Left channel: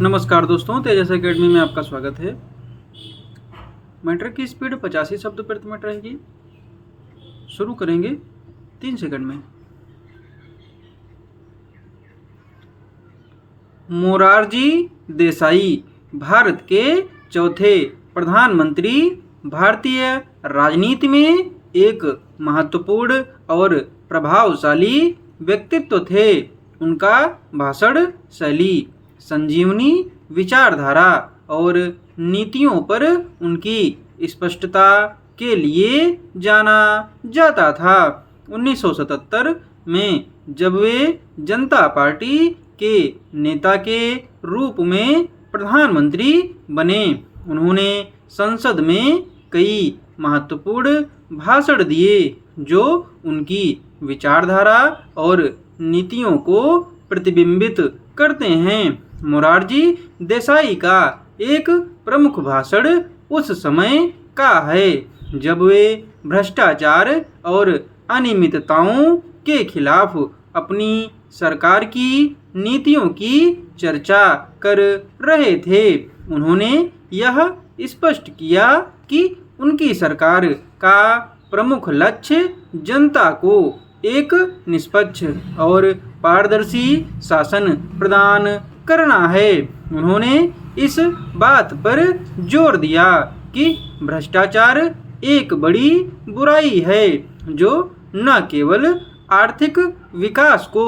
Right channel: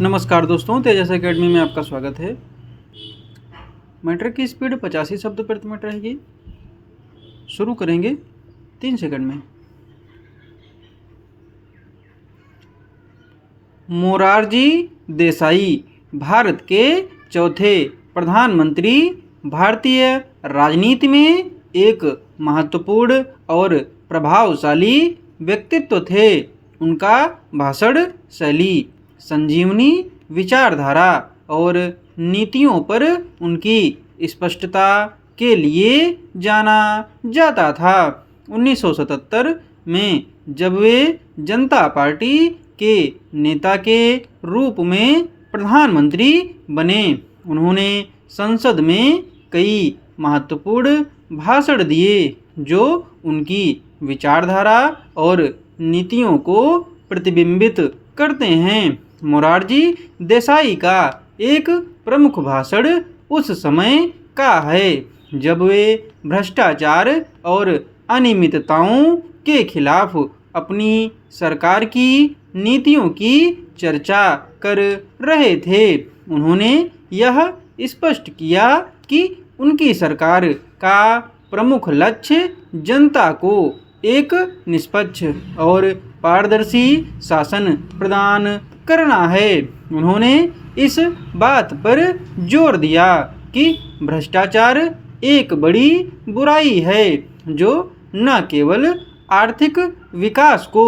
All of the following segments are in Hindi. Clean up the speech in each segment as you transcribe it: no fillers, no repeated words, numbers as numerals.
नमस्कार दोस्तों, तेजस एकेडमी में आपका स्वागत है। मीटर की स्पीड 85 शब्द प्रति मिनट रहेगी। शुरू करेंगे 3 सेकंड में। मोरारजी देसाई भारत के चौथे प्रधानमंत्री भारतीय राजनीति में एक महत्वपूर्ण और प्रभावशाली व्यक्तित्व थे। उनका भाषण शैली, संजीवनी विचारधारा और नीतियों पर उनकी स्पष्टता के लिए जाना जाता था। 1977 में जब वे जनता पार्टी के नेता के रूप में प्रधानमंत्री बने, उन्होंने संसद में कई महत्वपूर्ण भाषण दिए जो उनकी विचारधारा और नीतियों को प्रतिबिंबित करते हैं। मोरारजी देसाई का एक प्रमुख भाषण उस समय का है जब वे भ्रष्टाचार और अनियमितताओं के खिलाफ अपनी सरकार की नीतियों की चर्चा कर रहे थे। उन्होंने यह स्पष्ट किया कि उनकी सरकार का प्रमुख लक्ष्य जनता को एक निष्पक्ष और पारदर्शी शासन प्रदान करना है। उन्होंने इस बात पर जोर दिया कि भ्रष्टाचार एक बड़ी बुराई है जो न केवल आर्थिक विकास को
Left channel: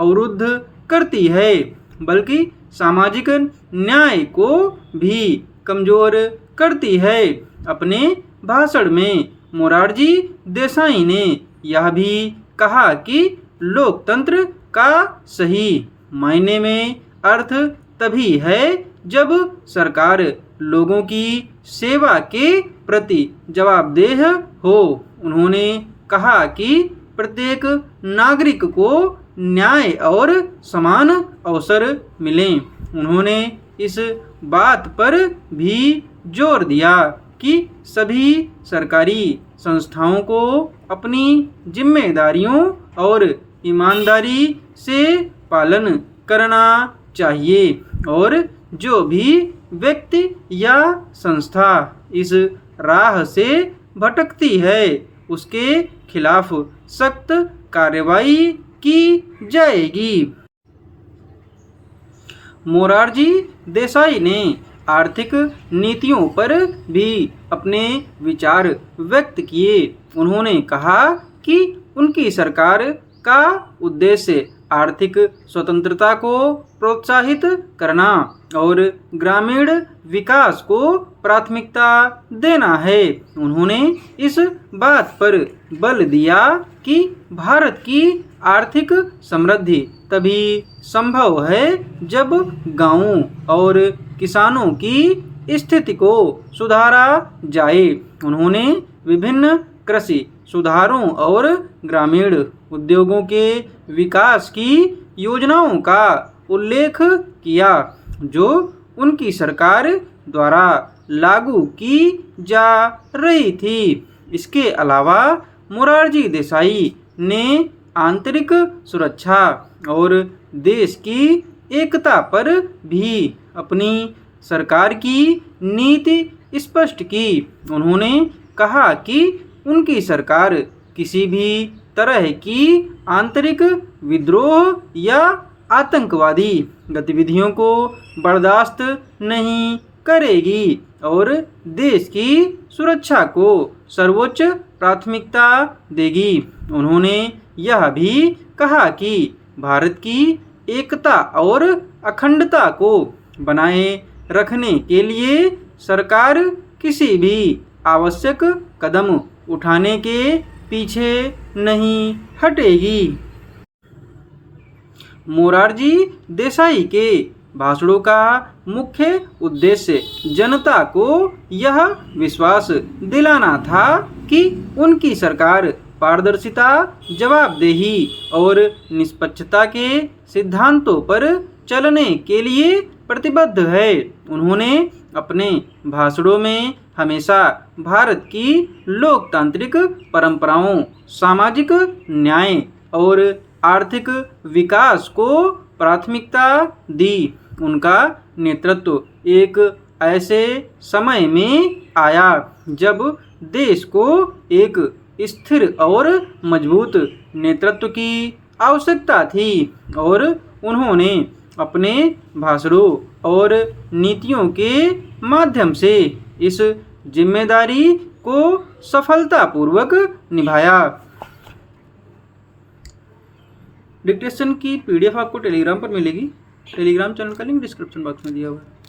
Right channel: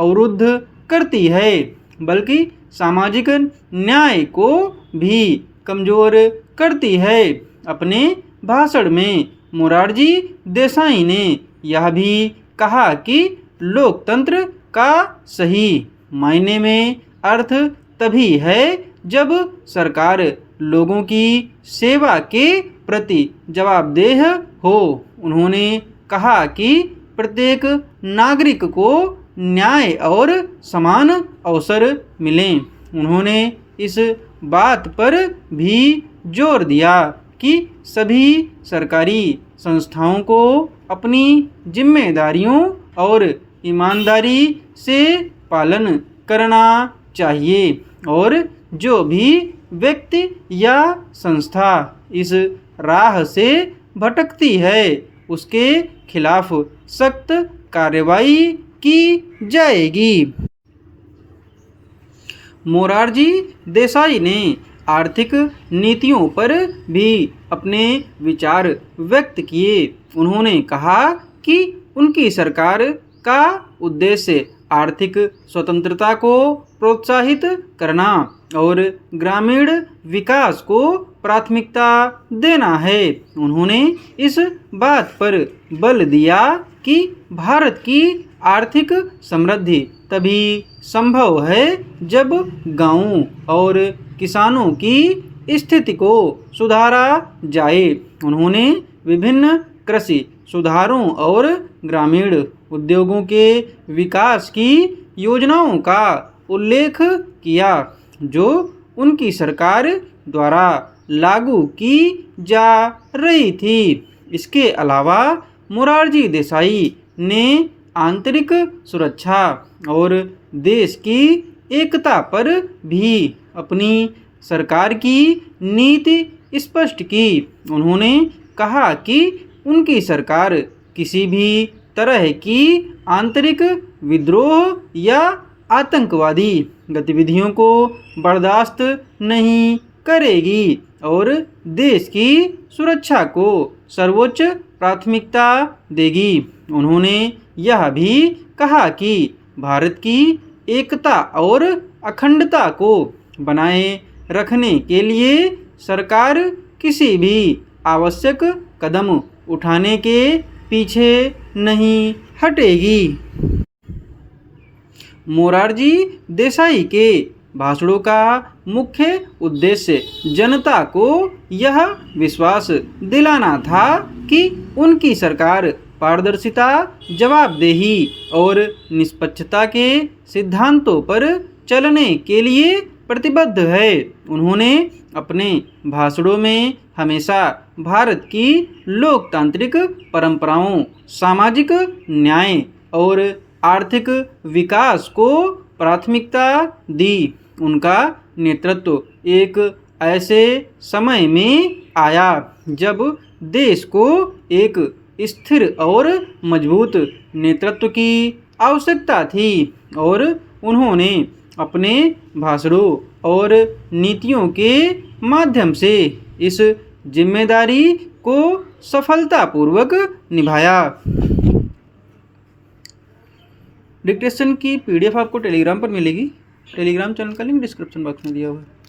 अवरुद्ध करती है बल्कि सामाजिक न्याय को भी कमजोर करती है। अपने भाषण में मोरारजी देसाई ने यह भी कहा कि लोकतंत्र का सही मायने में अर्थ तभी है जब सरकार लोगों की सेवा के प्रति जवाबदेह हो। उन्होंने कहा कि प्रत्येक नागरिक को न्याय और समान अवसर मिलें। उन्होंने इस बात पर भी जोर दिया कि सभी सरकारी संस्थाओं को अपनी जिम्मेदारियों और ईमानदारी से पालन करना चाहिए और जो भी व्यक्ति या संस्था इस राह से भटकती है उसके खिलाफ सख्त कार्रवाई की जाएगी। मोरारजी देसाई ने आर्थिक नीतियों पर भी अपने विचार व्यक्त किए। उन्होंने कहा कि उनकी सरकार का उद्देश्य आर्थिक स्वतंत्रता को प्रोत्साहित करना और ग्रामीण विकास को प्राथमिकता देना है। उन्होंने इस बात पर बल दिया कि भारत की आर्थिक समृद्धि तभी संभव है जब गांवों और किसानों की स्थिति को सुधारा जाए। उन्होंने विभिन्न कृषि सुधारों और ग्रामीण उद्योगों के विकास की योजनाओं का उल्लेख किया जो उनकी सरकार द्वारा लागू की जा रही थी। इसके अलावा मोरारजी देसाई ने आंतरिक सुरक्षा और देश की एकता पर भी अपनी सरकार की नीति स्पष्ट की। उन्होंने कहा कि उनकी सरकार किसी भी तरह की आंतरिक विद्रोह या आतंकवादी गतिविधियों को बर्दाश्त नहीं करेगी और देश की सुरक्षा को सर्वोच्च प्राथमिकता देगी। उन्होंने यह भी कहा कि भारत की एकता और अखंडता को बनाए रखने के लिए सरकार किसी भी आवश्यक कदम उठाने के पीछे नहीं हटेगी। मोरारजी देसाई के भाषणों का मुख्य उद्देश्य जनता को यह विश्वास दिलाना था कि उनकी सरकार पारदर्शिता, जवाबदेही और निष्पक्षता के सिद्धांतों पर चलने के लिए प्रतिबद्ध है। उन्होंने अपने भाषणों में हमेशा भारत की लोकतांत्रिक परंपराओं, सामाजिक न्याय और आर्थिक विकास को प्राथमिकता दी। उनका नेतृत्व एक ऐसे समय में आया जब देश को एक स्थिर और मजबूत नेतृत्व की आवश्यकता थी और उन्होंने अपने भाषणों और नीतियों के माध्यम से इस जिम्मेदारी को सफलतापूर्वक निभाया। डिक्टेशन की PDF आपको टेलीग्राम पर मिलेगी। टेलीग्राम चैनल का लिंक डिस्क्रिप्शन बॉक्स में दिया हुआ है।